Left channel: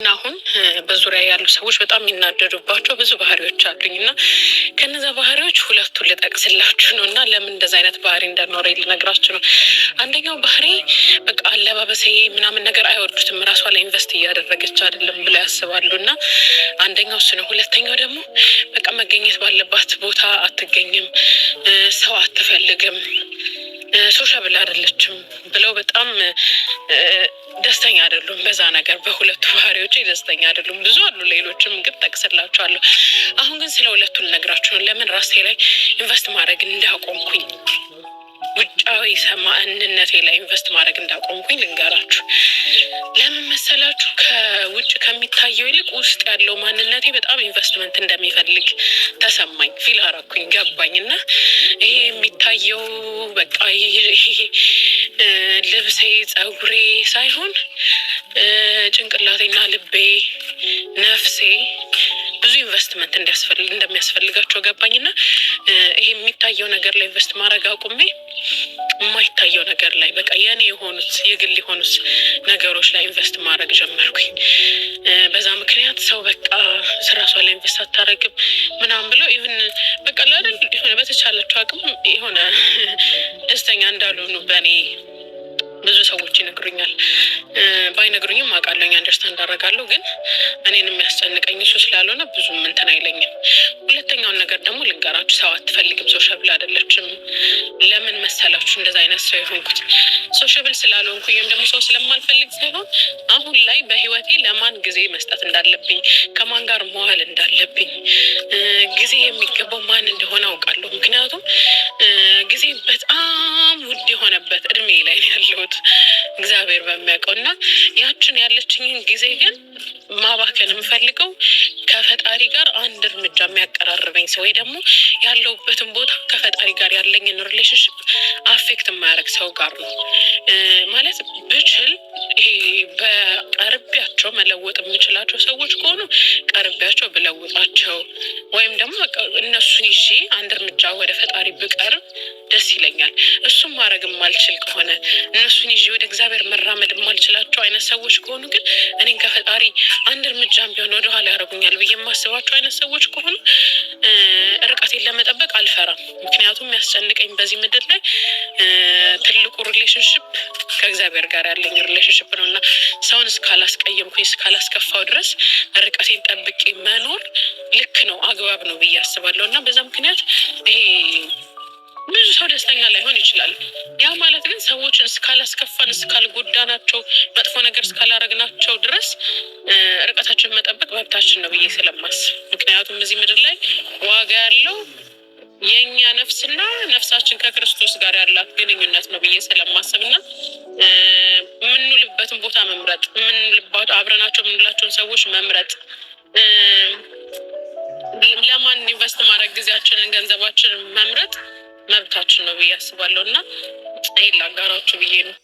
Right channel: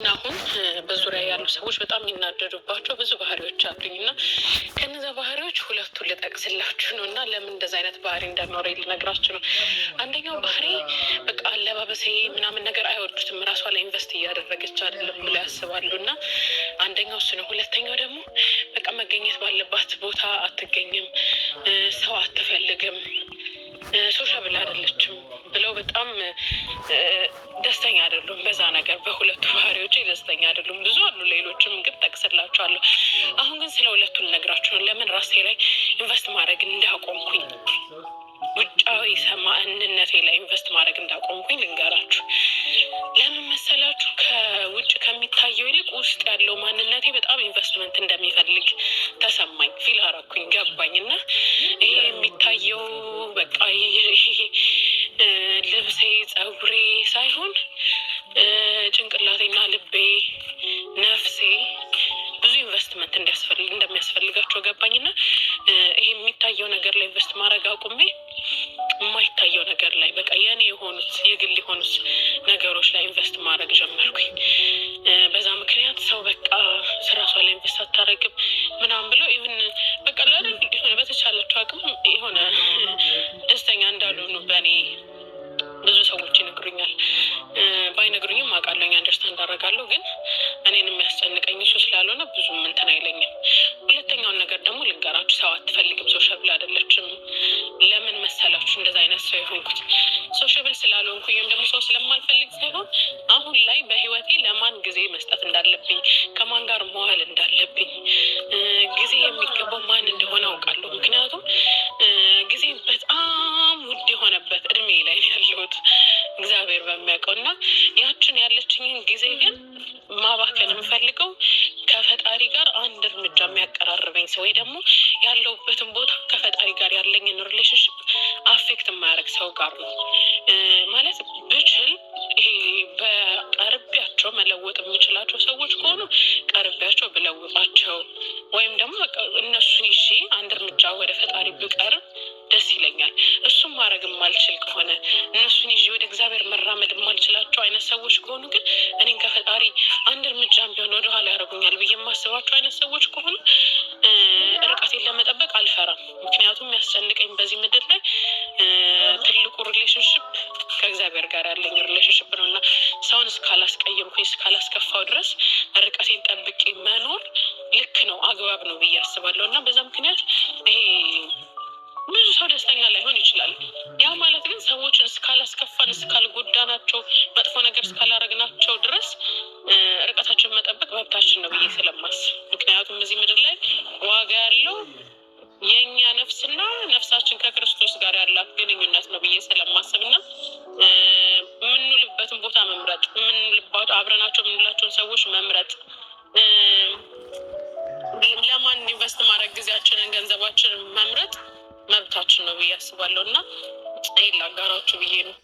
አሁን በዙሪያ ያሉ ሰዎች በጣም የሚናደዱባቸው ብዙ ባህሪዎች አሉኝ እና ከነዛ ባህሪዎች ሁለቱን ልጠቅስላችሁ ነው እና ለምን እንደዚ አይነት ባህሪ እንደኖረ ልነግራችሁ ነው። አንደኛው ባህሪ በቃ አለባበሴ ምናምን ነገር አይወዱትም፣ ራሷ ላይ ኢንቨስት እያደረገች አይደለም ብለው ያስባሉ እና አንደኛው እሱ ነው። ሁለተኛው ደግሞ በቃ መገኘት ባለባት ቦታ አትገኝም፣ ሰው አትፈልግም፣ ሶሻብል አይደለችም ብለው በጣም ደስተኛ አይደሉም። በዛ ነገር በሁለቱ ባህሪዎች ደስተኛ አይደሉም። ብዙ አሉ ሌሎችም ግን ጠቅስላችኋለሁ። አሁን ግን ስለ ሁለቱ ልነግራችሁ ነው። ለምን ራሴ ላይ ኢንቨስት ማድረግ እንዳቆምኩኝ፣ ውጫዊ ማንነቴ ላይ ኢንቨስት ማድረግ እንዳቆምኩኝ ልንገራችሁ። ለምን መሰላችሁ? ከውጭ ከሚታየው ይልቅ ውስጥ ያለው ማንነቴ በጣም ኢንቨስትመንት እንደሚፈልግ ተሰማኝ፣ ፊል አረኩኝ፣ ገባኝ። እና ይሄ የሚታየው በቃ ልብሴ፣ ጸጉሬ ሳይሆን ጭንቅላቴና ልቤ፣ ነፍሴ ብዙ ኢንቨስትመንት እንደሚያስፈልጋቸው ገባኝና ይሄ የሚታየው ነገር ላይ ኢንቨስት ማድረግ አቁሜ የማይታየው ነገር ላይ በቃ የኔ የሆኑት የግል የሆኑት ነገሮች ላይ ኢንቨስት ማድረግ ጀመርኩኝ። በዛ ምክንያት ሰው በቃ ራሷ ላይ ኢንቨስት አታረግም ምናምን ብለው ኢቭን በቃ አይደል የሆነ በተቻላቸው አቅም የሆነ ደስተኛ እንዳልሆኑ በእኔ ብዙ ሰዎች ይነግሩኛል። ባይነግሩኝም አውቃለሁ፣ አንደርስታንድ አደርጋለሁ። ግን እኔን የሚያስጨንቀኝ እሱ ስላልሆነ ብዙም እንትን አይለኝም። ሁለተኛውን ነገር ደግሞ ልንገራችሁ። ሰው አትፈልግም፣ ሶሻብል አይደለችም። ለምን መሰላችሁ እንደዛ አይነት ሰው የሆንኩት? ሶሻብል ስላልሆንኩኝ ወይም ደግሞ ሰው ስለማልፈልግ ሳይሆን አሁን ላይ በህይወቴ ለማን ጊዜ መስጠት እንዳለብኝ፣ ከማን ጋር መዋል እንዳለብኝ፣ ጊዜ የሚገባው ማን እንደሆነ አውቃለሁ። ምክንያቱም ጊዜ በጣም ውድ የሆነበት እድሜ ላይ ያለሁት እግዚአብሔር በሚያውቀው እና ያችን ያለችኝን ጊዜ ግን ማባከን የምፈልገው ከፈጣሪ ጋር አንድ እርምጃ የሚያቀራርበኝ ሰው ወይ ደግሞ ያለሁበትን ቦታ ከፈጣሪ ጋር ያለኝን ሪሌሽንሽፕ አፌክት የማያደርግ ሰው ጋር ነው። ማለት ብችል ይሄ በቀርቢያቸው መለወጥ የምችላቸው ሰዎች ከሆኑ ቀርቢያቸው ብለውጣቸው ወይም ደግሞ እነሱን ይዤ አንድ እርምጃ ወደ ፈጣሪ ብቀርብ ደስ ይለኛል። እሱም ማድረግ የማልችል ከሆነ እነሱን ይዤ ወደ እግዚአብሔር መራመድ የማልችላቸው አይነት ሰዎች ከሆኑ ግን እኔን ከፈጣሪ አንድ እርምጃም ቢሆን ወደኋላ ያደርጉኛል ብዬ የማስባቸው አይነት ሰዎች ከሆኑ ርቀቴን ለመጠበቅ አልፈራም። ምክንያቱም ያስጨንቀኝ በዚህ ምድር ላይ ትልቁ ሪሌሽንሽፕ ከእግዚአብሔር ጋር ያለኝ ሪሌሽንሽፕ ነው እና ሰውን እስካላስቀየምኩኝ እስካላስከፋው ድረስ ርቀቴን ጠብቄ መኖር ልክ ነው፣ አግባብ ነው ብዬ አስባለሁ። እና በዛ ምክንያት ይሄ ብዙ ሰው ደስተኛ ላይሆን ይችላል። ያ ማለት ግን ሰዎችን እስካላስከፋን እስካልጎዳናቸው መጥፎ ነገር እስካላረግናቸው ድረስ ርቀታችን መጠበቅ መብታችን ነው ብዬ ስለማስብ፣ ምክንያቱም እዚህ ምድር ላይ ዋጋ ያለው የእኛ ነፍስና ነፍሳችን ከክርስቶስ ጋር ያላት ግንኙነት ነው ብዬ ስለማስብና የምንውልበትን ቦታ መምረጥ፣ አብረናቸው የምንውላቸውን ሰዎች መምረጥ፣ ለማን ኢንቨስት ማድረግ ጊዜያችንን ገንዘባችንን መምረጥ መብታችን ነው ብዬ አስባለሁ እና ይሄን ላጋራችሁ ብዬ ነው።